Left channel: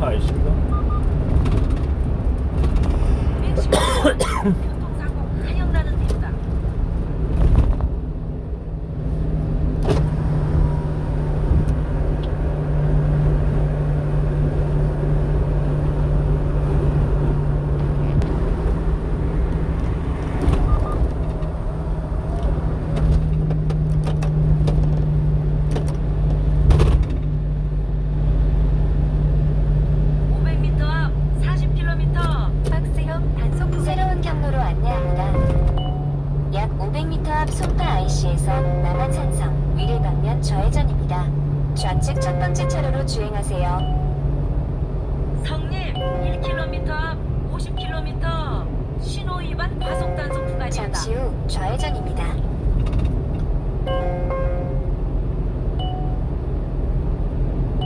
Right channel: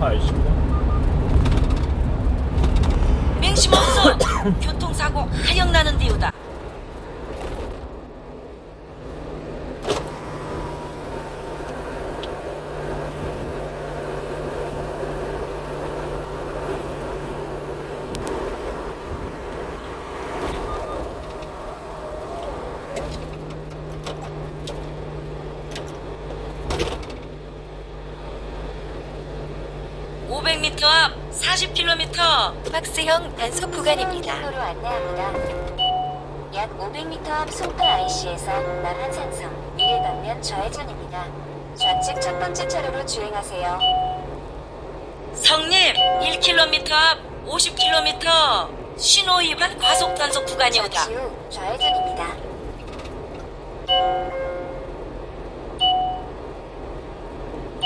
80번. 맹심없어 교통사고 하영 나는 데우다 (500m) 앞 (40km) 박스형 단속 구간입니다. 경로로 안내합니다. 약 500m 앞 송파 IC에서 남한 산성 위례 방면 좌회전입니다. 좌측 첫 번째 차로로 주행하세요. 성님 1km 앞 50km 신호 위반 과속 단속 구간이오다 잠시 후 좌회전입니다.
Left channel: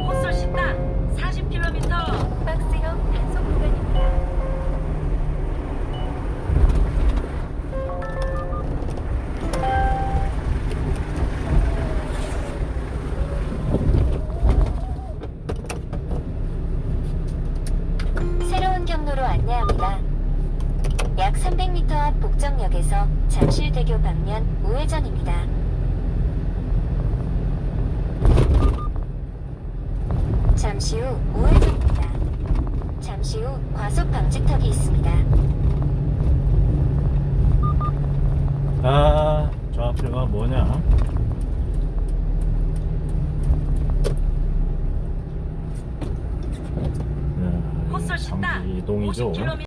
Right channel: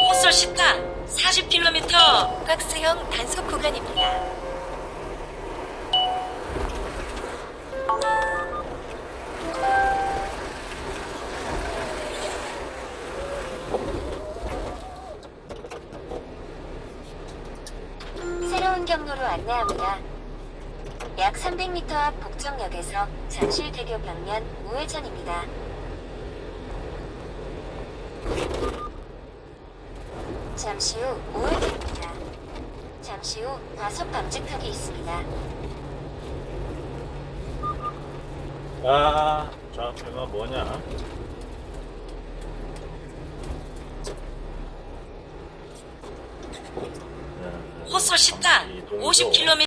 호설 시타 40km 박스형 단속 구간입니다. 새로운 경로로 안내합니다. 약 300m 앞 복정역에서 잠실대교 방면 우회전입니다. 잠시 후 우회전입니다. 잠시 후 과속 방지턱이 있습니다. 아, 좌표가 뭐냐? 네, 호설 시타 이동이죠. 50km